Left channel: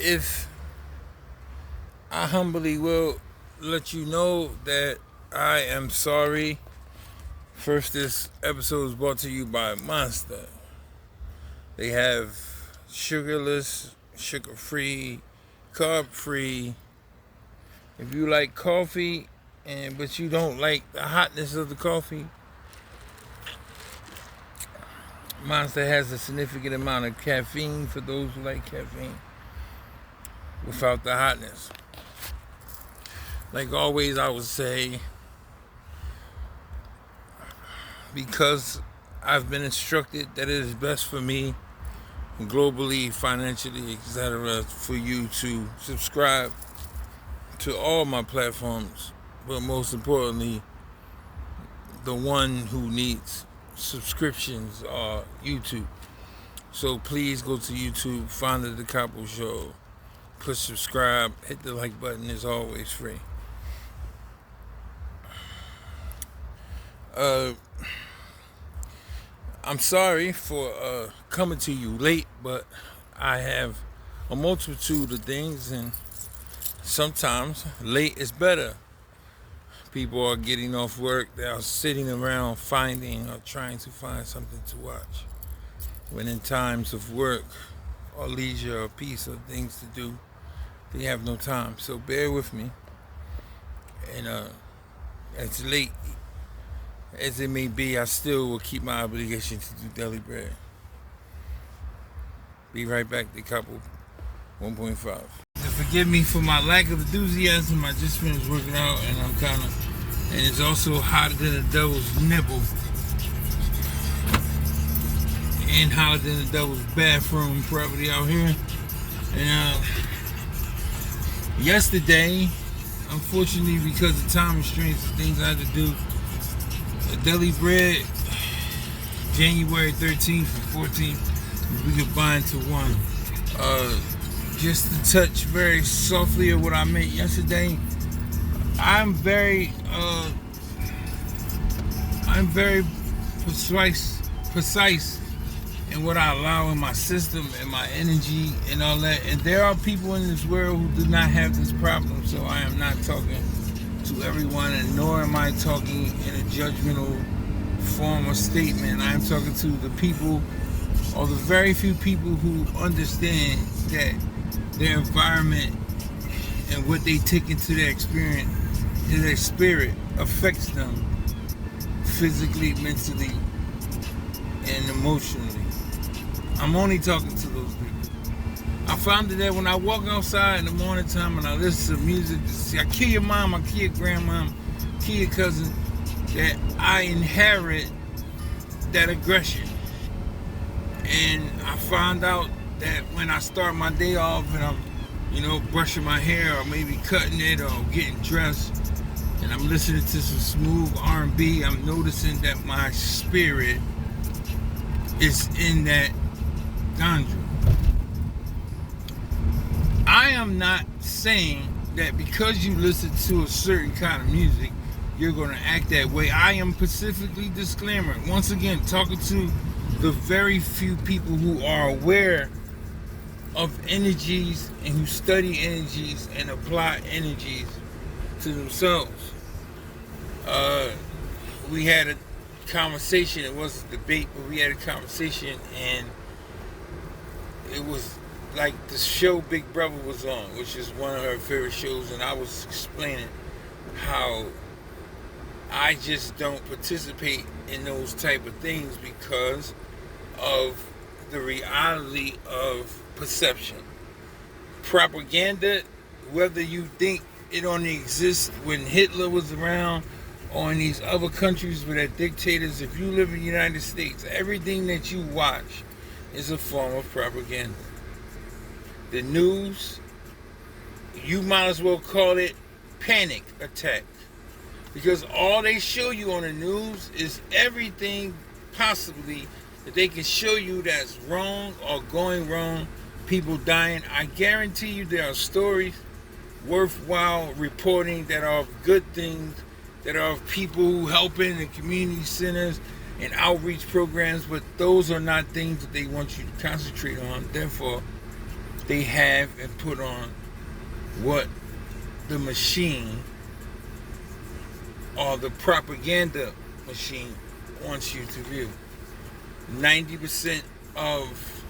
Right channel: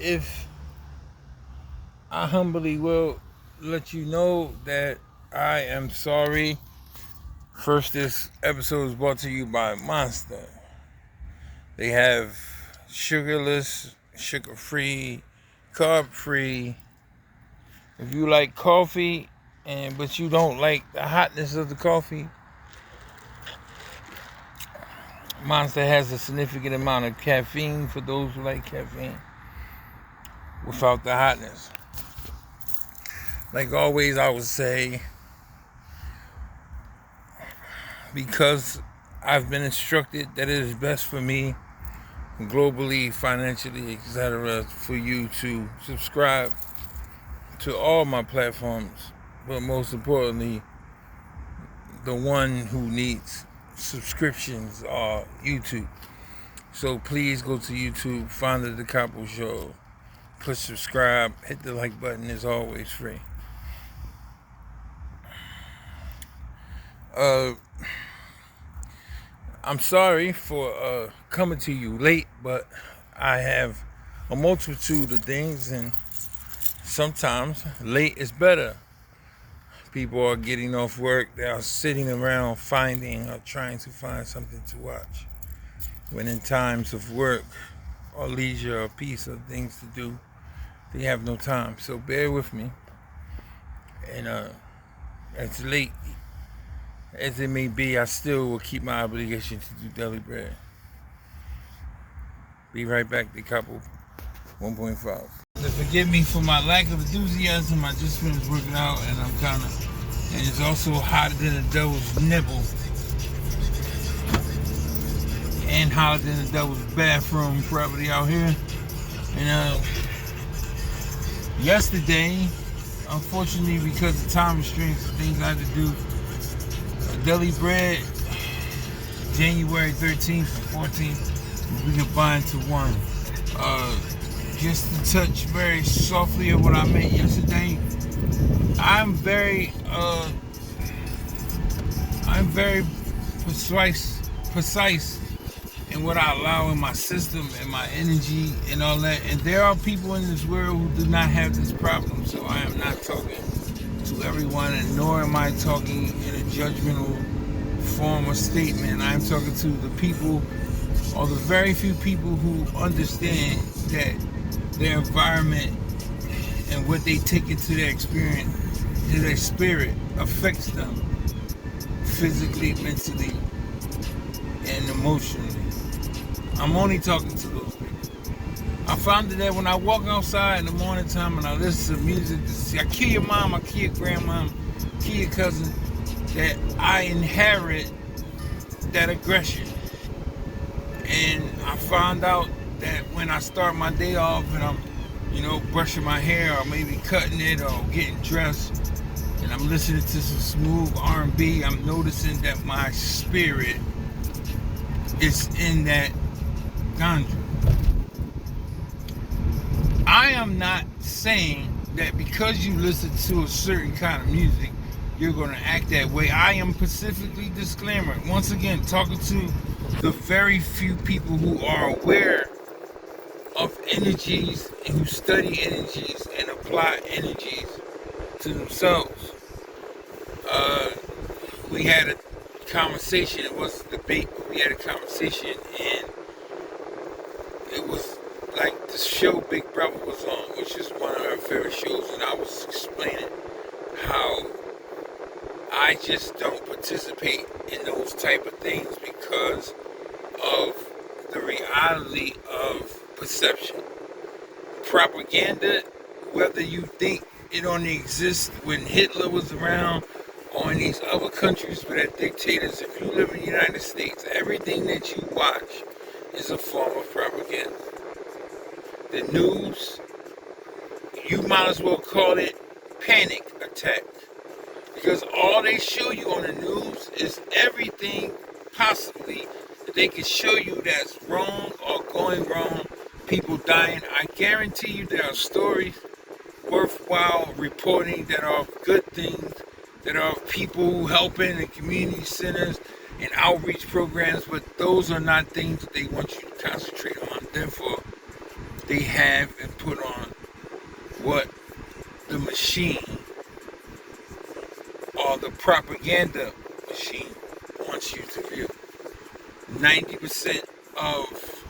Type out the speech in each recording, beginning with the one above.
if I humbly will let you know that I am sorry. First, this episode is brought to you by Monster. They have sugarless, sugar-free, carb-free. If you like coffee, but you don't like the hotness of the coffee, Monster has a significant amount of caffeine for those who like caffeine without the hotness. Like always, I would say, because I've been instructed that it is best for me, globally, financially, etc., for you to subscribe to all my platforms, but most importantly, the one who needs subscriptions are YouTube. So please go to YouTube, find the Decopbo Show, push subscribe, hit the like button. It's always free. I'm sorry for coming to you late, but I have a multitude of things, and sometimes late is better. People are getting off work, they are sitting around finding or trying to find something to watch. When in times of work or leisure or peace or things to do, they have no time. So bear with me. And as late as it may be, I still will keep my obligation to do daily bread. Be right back, Decopbo 1.5. Forgive me for my lack of enthusiasm. I just finished working out and and it's also hotter than a devil's nipple. And hotter than the devil's bathroom property out here. And yesterday, unfortunately, because of time restraints and things I had to do, Deli Bread, January 13th and 14th, we combined to one. Just to touch very softly on what I meant yesterday, I'm very precise in what I allow in my system and my energy and all that. And there are people in this world who do not have this problem, so I am not talking to everyone, and nor am I talking in a judgmental form or statement. I'm talking to the people, or the very few people who understand that their environment and what they take into their experience, in their spirit, affects them physically, mentally, and emotionally. I'm only talking to those people. I found that when I walk outside in the morning time and I listen to music, I kill your mom, I kill your grandmom, kill your cousin, that I inherit that aggression. And I found out that when I start my day off and I'm, brushing my hair or maybe cutting it or getting dressed, and I'm listening to some smooth R&B, I'm noticing that my spirit is in that genre. I am not saying that because you listen to a certain kind of music, you're going to act that way. I am specifically disclaimer. Once again, talking to the very few people who are aware of energies and who study energies and apply energies to themselves. We had a conversation. It wasn't a debate, but we had a conversation, and it was like the show Big Brother was on, which is one of our favorite shows, and I was explaining how I just don't participate in those type of things because of the reality of perception. Propaganda, whether you think it only exists when Hitler was around or in these other countries where they're dictators, if you live in the United States, everything that you watch is a form of propaganda. The news, you might as well call it panic attack, because all they show you on the news is everything possibly that they can show you that's wrong or going wrong, people dying. I guarantee you there are stories worthwhile reporting that are good things, that are people who helping in community centers and outreach programs, but those are not things that they want you to concentrate on. Therefore, they have and put on what the machine or the propaganda machine wants you to view. 90% of,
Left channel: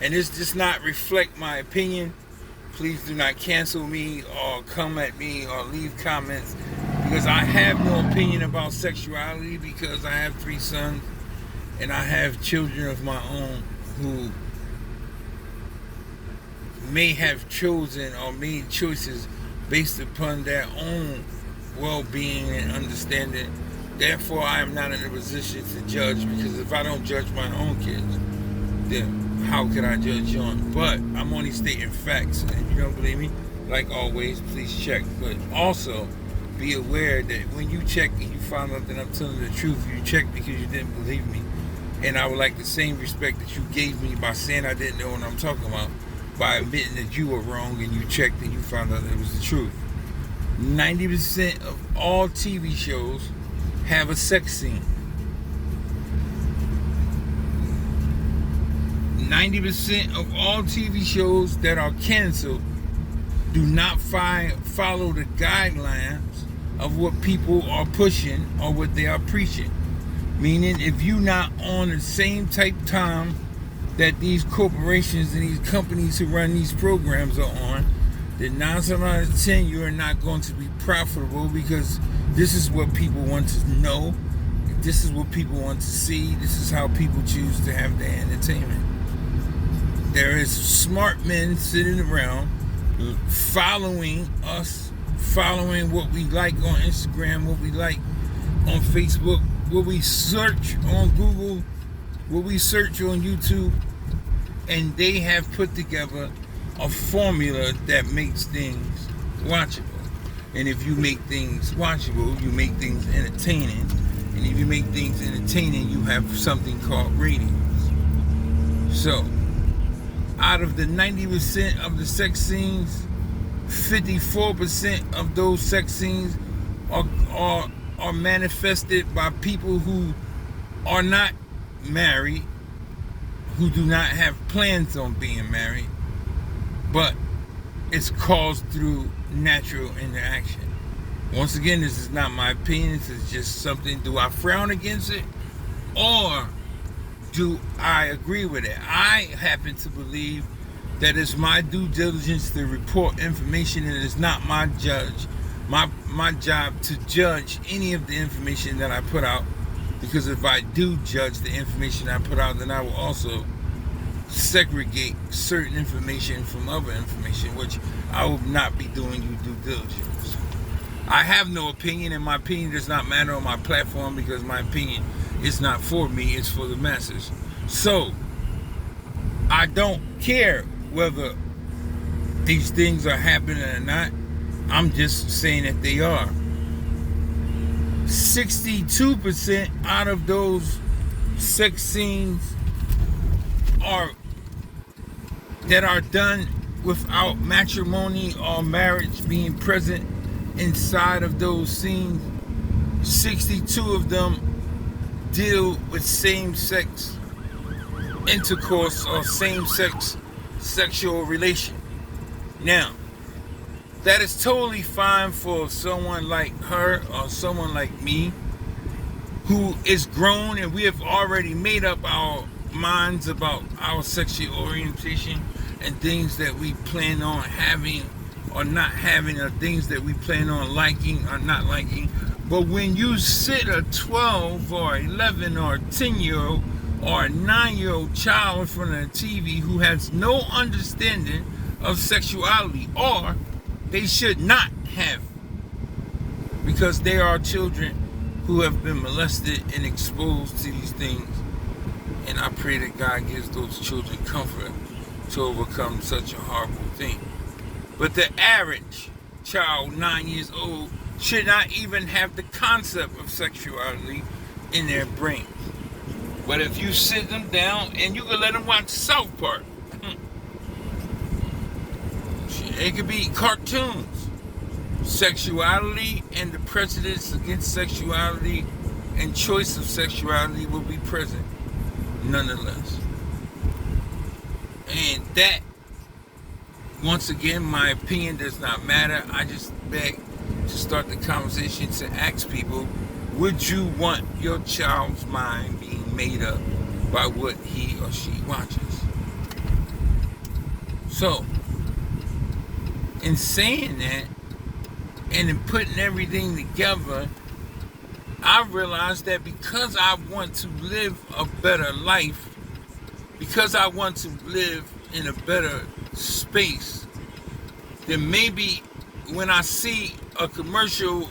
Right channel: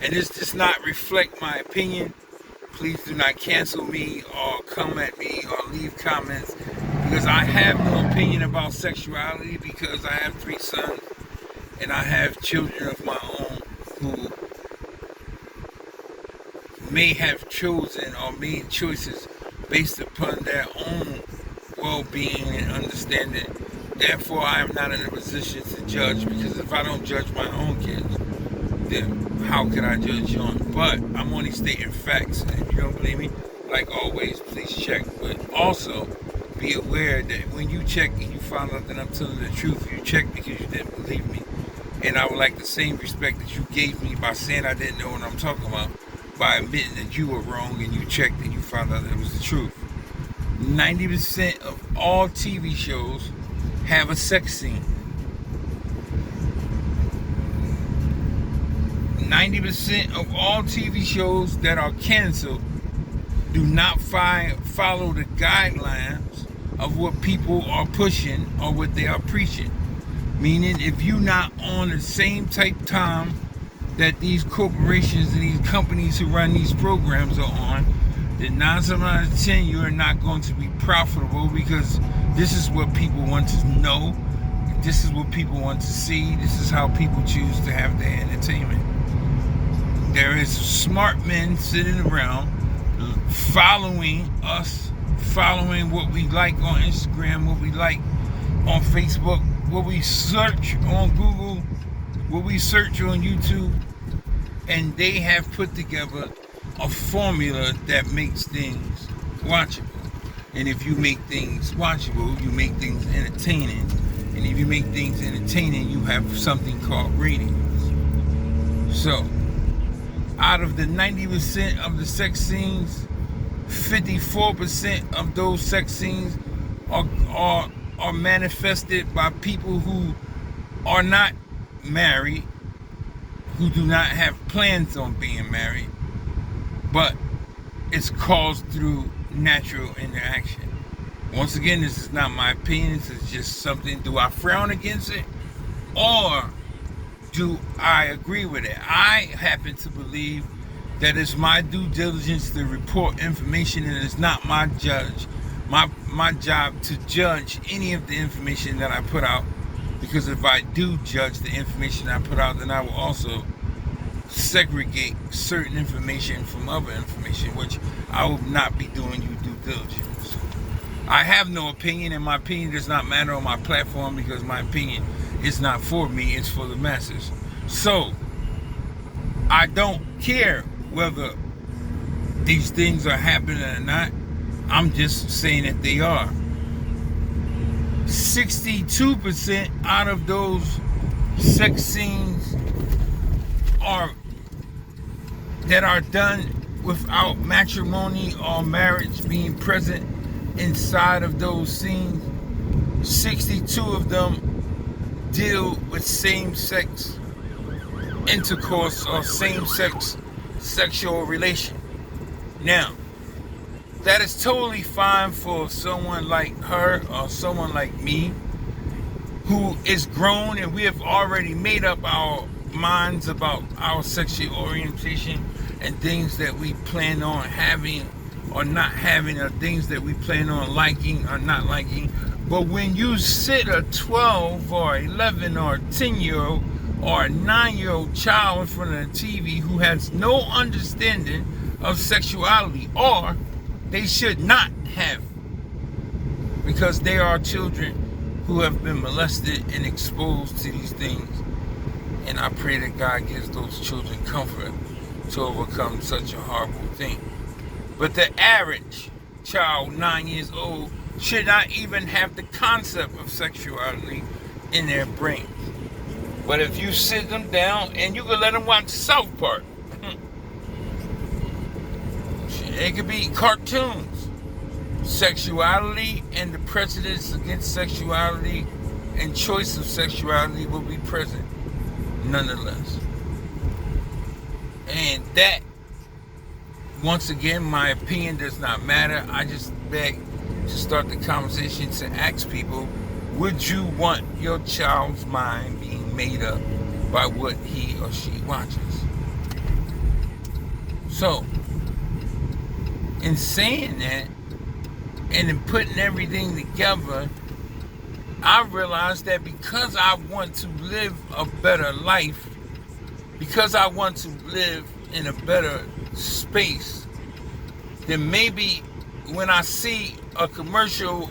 and this does not reflect my opinion. Please do not cancel me or come at me or leave comments, because I have no opinion about sexuality, because I have 3 sons and I have children of my own who may have chosen or made choices based upon their own well-being and understanding. Therefore, I am not in a position to judge, because if I don't judge my own kids, then how can I judge yours? But I'm only stating facts. And if you don't believe me, like always, please check. But also, be aware that when you check and you find out that I'm telling the truth, you check because you didn't believe me. And I would like the same respect that you gave me by saying I didn't know what I'm talking about, by admitting that you were wrong and you checked and you found out that it was the truth. 90% of all TV shows have a sex scene. 90% of all TV shows that are canceled do not follow the guidelines of what people are pushing or what they are preaching. Meaning, if you're not on the same type time that these corporations and these companies who run these programs are on, then 9 times out of 10 you are not going to be profitable, because this is what people want to know. This is what people want to see. This is how people choose to have their entertainment. There is smart men sitting around following us, following what we like on Instagram, what we like on Facebook, what we search on Google, what we search on YouTube, and they have put together a formula that makes things watchable. And if you make things watchable, you make things entertaining. And if you make things entertaining, you have something called ratings. So, out of the 90% of the sex scenes, 54% of those sex scenes are manifested by people who are not married, who do not have plans on being married, but it's caused through natural interaction. Once again, this is not my opinion. This is just something. Do I frown against it, or do I agree with it? I happen to believe that it's my due diligence to report information, and it's not my job to judge any of the information that I put out, because if I do judge the information I put out, then I will also segregate certain information from other information, which I will not be doing you due diligence. I have no opinion, and my opinion does not matter on my platform, because my opinion is not for me, it's for the masses. So, I don't care whether these things are happening or not. I'm just saying that they are. 62% out of those sex scenes that are done without matrimony or marriage being present inside of those scenes. 62 of them deal with same-sex intercourse or same-sex sexual relation. Now, that is totally fine for someone like her or someone like me who is grown, and we have already made up our minds about our sexual orientation and things that we plan on having or not having, or things that we plan on liking or not liking. But when you sit a 12 or 11 or 10-year-old or a 9-year-old child in front of the TV who has no understanding of sexuality, or they should not have, because they are children who have been molested and exposed to these things. And I pray that God gives those children comfort to overcome such a horrible thing. But the average child, 9 years old, should not even have the concept of sexuality in their brain. But if you sit them down and you can let them watch South Park, it could be cartoons. Sexuality and the prejudice against sexuality and choice of sexuality will be present nonetheless. And that once again, my opinion does not matter. I just beg to start the conversation to ask people, would you want your child's mind being made up by what he or she watches? So, in saying that, and in putting everything together, I realized that because I want to live a better life, because I want to live in a better space, then maybe when I see a commercial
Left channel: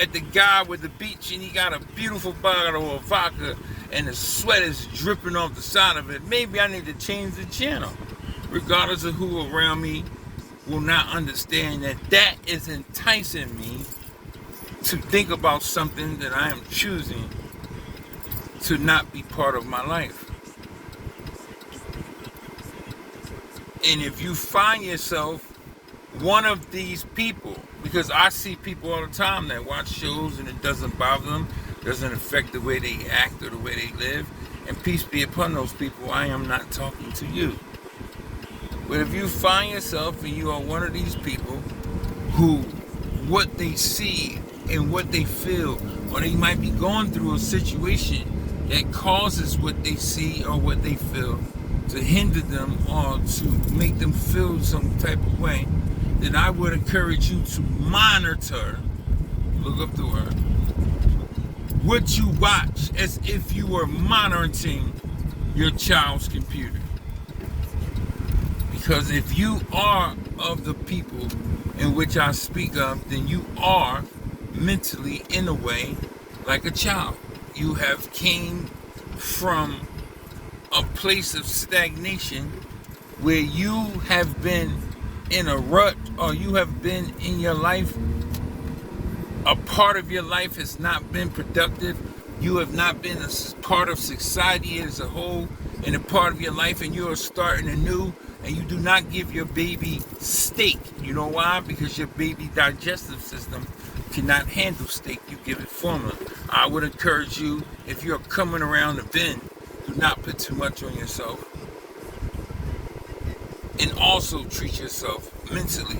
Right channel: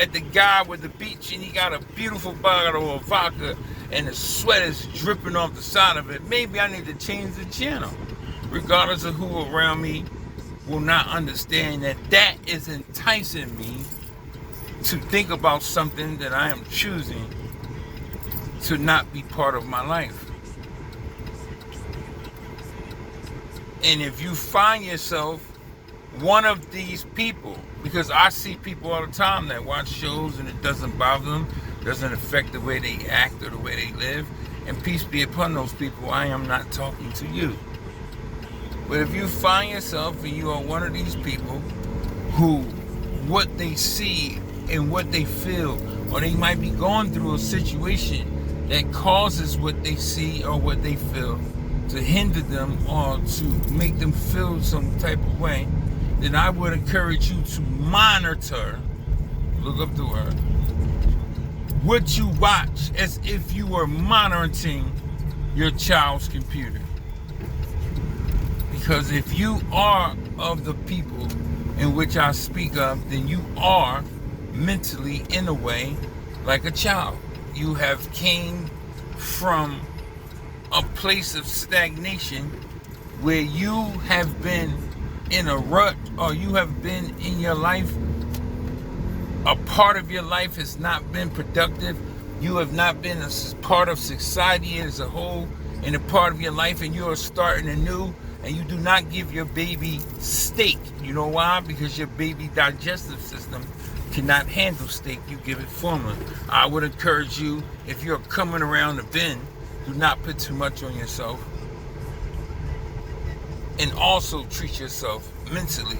at the guy with the beach and he got a beautiful bottle of vodka and the sweat is dripping off the side of it, maybe I need to change the channel, regardless of who around me will not understand that that is enticing me to think about something that I am choosing to not be part of my life. And if you find yourself one of these people, because I see people all the time that watch shows and it doesn't bother them, doesn't affect the way they act or the way they live, and peace be upon those people, I am not talking to you. But if you find yourself and you are one of these people who what they see and what they feel, or they might be going through a situation that causes what they see or what they feel to hinder them or to make them feel some type of way, then I would encourage you to monitor, look up the word, what you watch as if you were monitoring your child's computer. Because if you are of the people in which I speak of, then you are mentally, in a way, like a child. You have came from a place of stagnation where you have been in a rut, or you have been in your life, a part of your life has not been productive. You have not been a part of society as a whole in a part of your life, and you are starting anew, and you do not give your baby steak. You know why? Because your baby digestive system cannot handle steak. You give it formula. I would encourage you, if you're coming around the bend, do not put too much on yourself. And also treat yourself mentally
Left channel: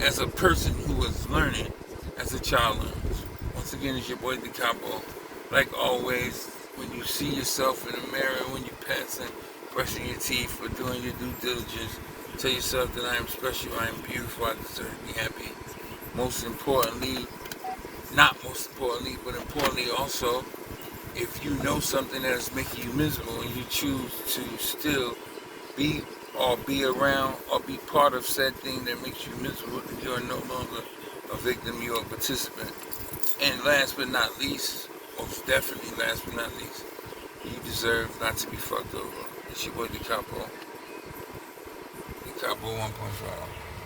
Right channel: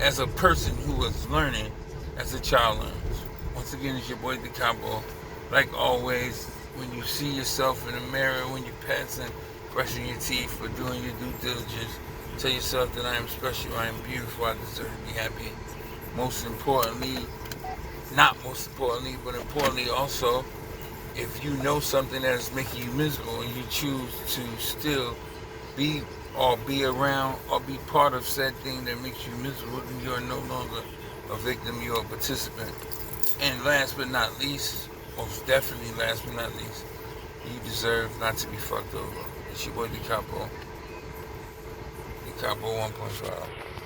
as a person who is learning as a child learns. Once again, it's your boy Decopbo. Like always, when you see yourself in the mirror, when you're passing, brushing your teeth, or doing your due diligence, tell yourself that I am special, I am beautiful, I deserve to be happy. Most importantly, not most importantly, but importantly also, if you know something that is making you miserable and you choose to still be or be around or be part of said thing that makes you miserable, you are no longer a victim, you are a participant. And last but not least, most definitely last but not least, you deserve not to be fucked over. It's your boy Decopbo. Decopbo 1.5.